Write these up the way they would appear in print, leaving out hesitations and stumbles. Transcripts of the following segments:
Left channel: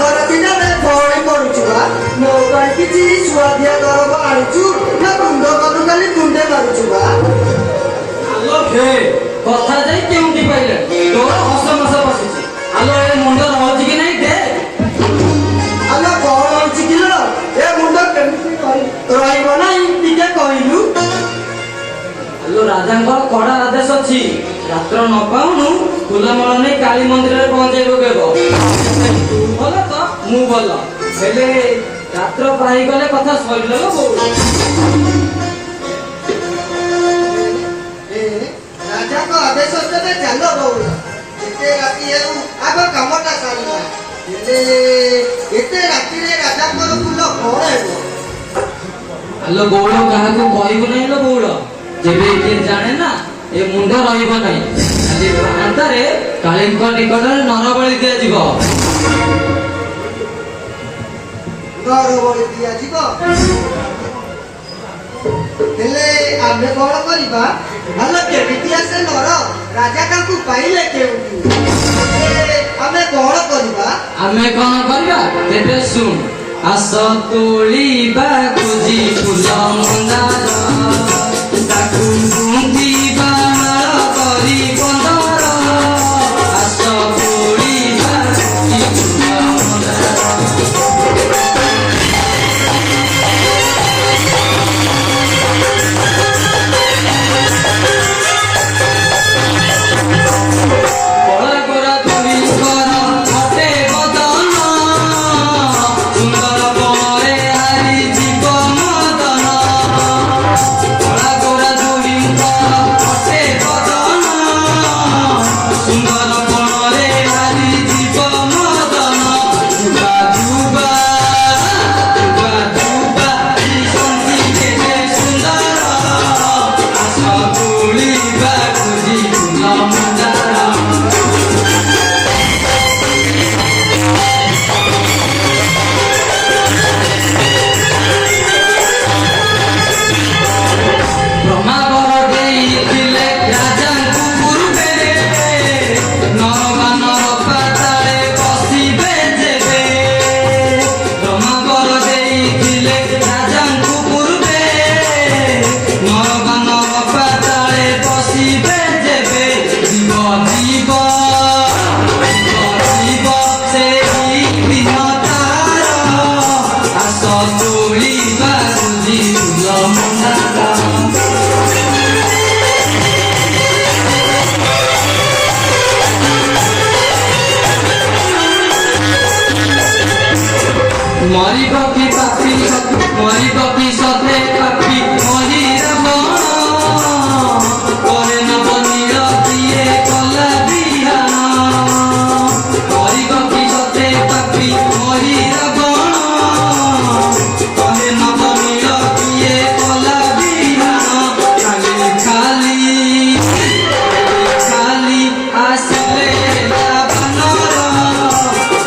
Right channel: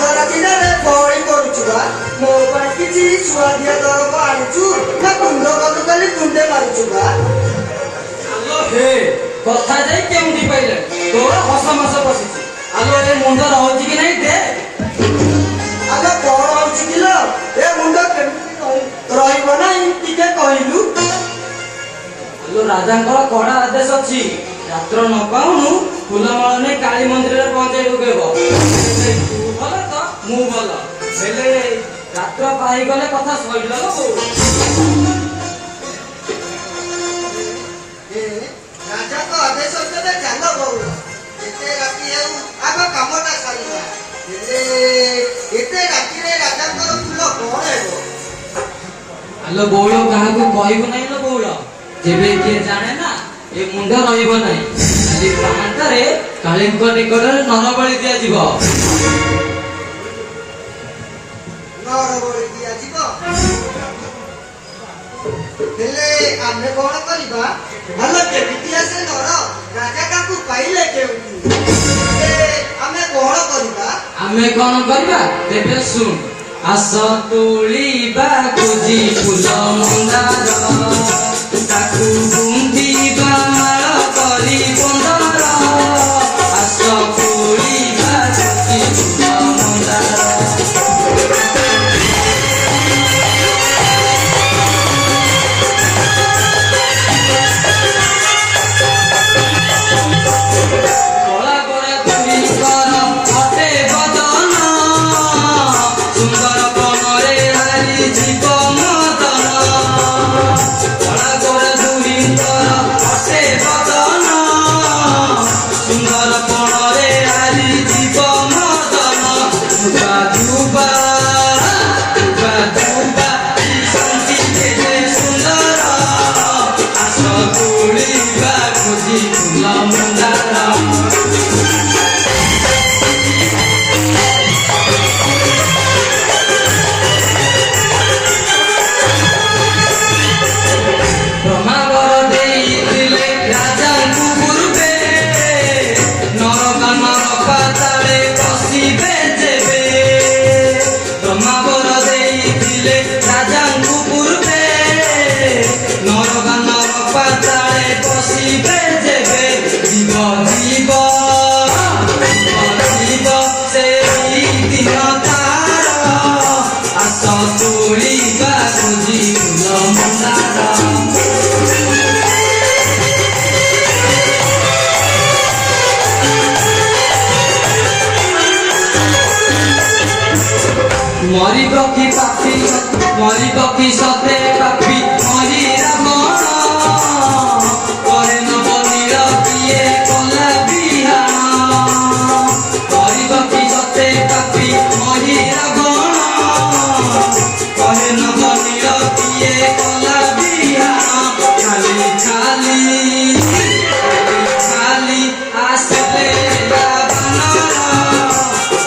घर दिନରେ ଭଳି କରୁଛୁ ବା ମୋ ପାଇଁ କିଛି ସୁଆଦିଆ ଦରବ ଆଣିଛୁ ନା କୁଣ୍ଡ କଲୁ ଖାଲି କୁଣ୍ଡେ ମାରୁଛୁ ବା ଆଲୋ ହେ କଥା ଯାଇ କେଉଁଠି ପାଇଲେ ତୋର ହସ ମସ ବସିଛି ଆଲୋ ଏ ମୁଣ୍ଡ ରହୁଛି କି ନାଇଁ ଦେ ଆଲୋ କଣ ହଉଛି କିଲୋ ଏ ମୁଣ୍ଡ କେମିତି ରହିବ ନାହିଁ ଟିକେ କହିଲୁ ଆଲୋ ରାଜାଙ୍କର କଡ଼ା ଆଦେଶ ଅଛି ରାତ୍ର ନ ପାଉଣୁ ଫୁଲମାଳ ନେଇ କାଳୀ ମନ୍ଦିରରେ ପହଞ୍ଚେଇବୁ କେବ ତୁ ଭଲ ତ ମୁଁ ଭଲ ହେଲେ ରାତ୍ର ପାଇଗଲେ କଥା ସରିଲା ଲୋ ରାଜାଙ୍କ ଆଦେଶ ତେବେ ଚାଲ ବଉଳ ଏତେ ରାତି ହେଉ ଆଗ କାମଟା ସରିଲା ହେଲେ ଏତେ ରାତିରେ ରାଜାଙ୍କର ଫୁଲ କଣ ହେବ ଆଲୋ ବଉଳ କାହାକୁ କହିବୁ ନାହିଁ ଲୋ ବଉଳ ଯେବେ କିଏ ଜାଣେ ନା ଏ ମୁଣ୍ଡ ରହିବ ନାହିଁ ଖାଲି ପ୍ରାଣଟାରେ କାଳୀଙ୍କ ନିକଟରେ ନରବଳି ଦିଆଯିବ ନରବଳି ଦିଆଯିବ ହେଲେ ଆମେ କଣ କରିବା ହେଲେ କେମିତି ଆସେ ନର ରାଜା ତାଙ୍କୁ ପାଇଲେ କେଉଁଠି ଆମେ କଣ କରିବା ତେବେ ଶୁଣ ଆସ ତୋଳିବା ଖୋଜି ଫୁଲ ମନ୍ଦାର ତାକୁ ଗୁନ୍ଥିବା ମାଳ କରି ବନ୍ଦାର ଆସ ତୋଳିବା ଖୋଜି ଫୁଲ ମନ୍ଦାର मरिब कि सते पापी महिरा कहे न बनिल किए कला बिहान मरिब कि सते पापी महिरा कहे न बनिल किए कला बिहान खाली खाली खाली आसले बानर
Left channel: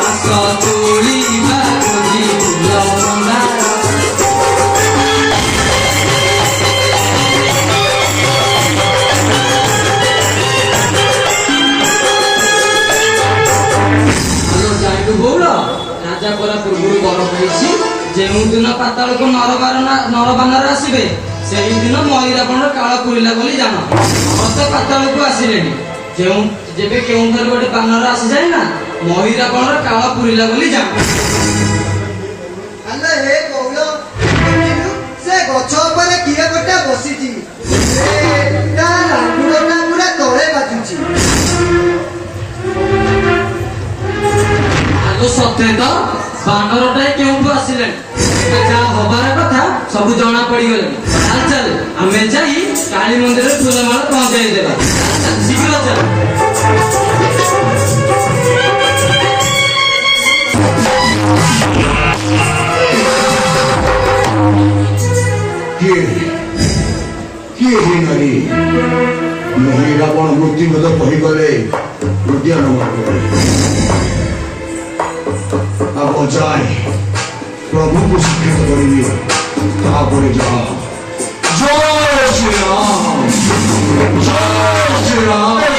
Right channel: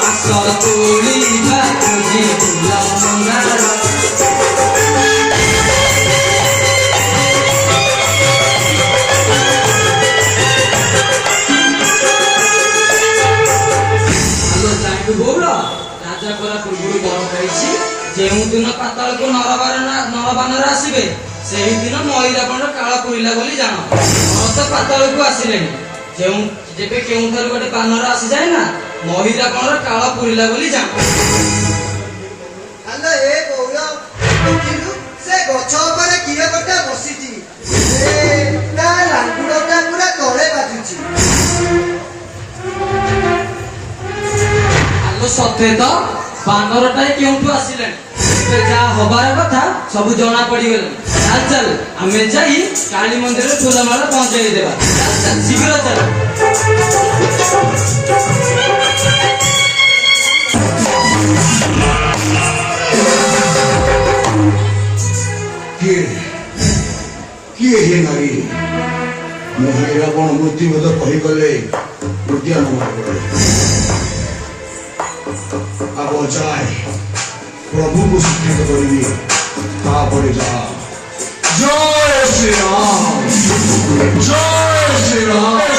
आस तोलिबा खोजी फुल मन्दार राजा पूर्व बर कही जो दिन पाताल को नरबानर आसवे से दिन मईरापण काल पूरा बोली जान तो पाताल को आसले जेबे केउ गोटे बानर आसी जाए ना मईरापण काल पूरा बोली जान सत्य तो बानरटाए क्यों आसिले जहाँ हबार कथा सब जना पड़गले चल चल आम जा काली मंदिर फूलमाला पहुंचाई देवा शीघ्र चल नारी महिरापण मृत्युबोध कहीगले उद्यान अब जाए प्रभु को साक्षात करी जय श्री राम जय श्री राम।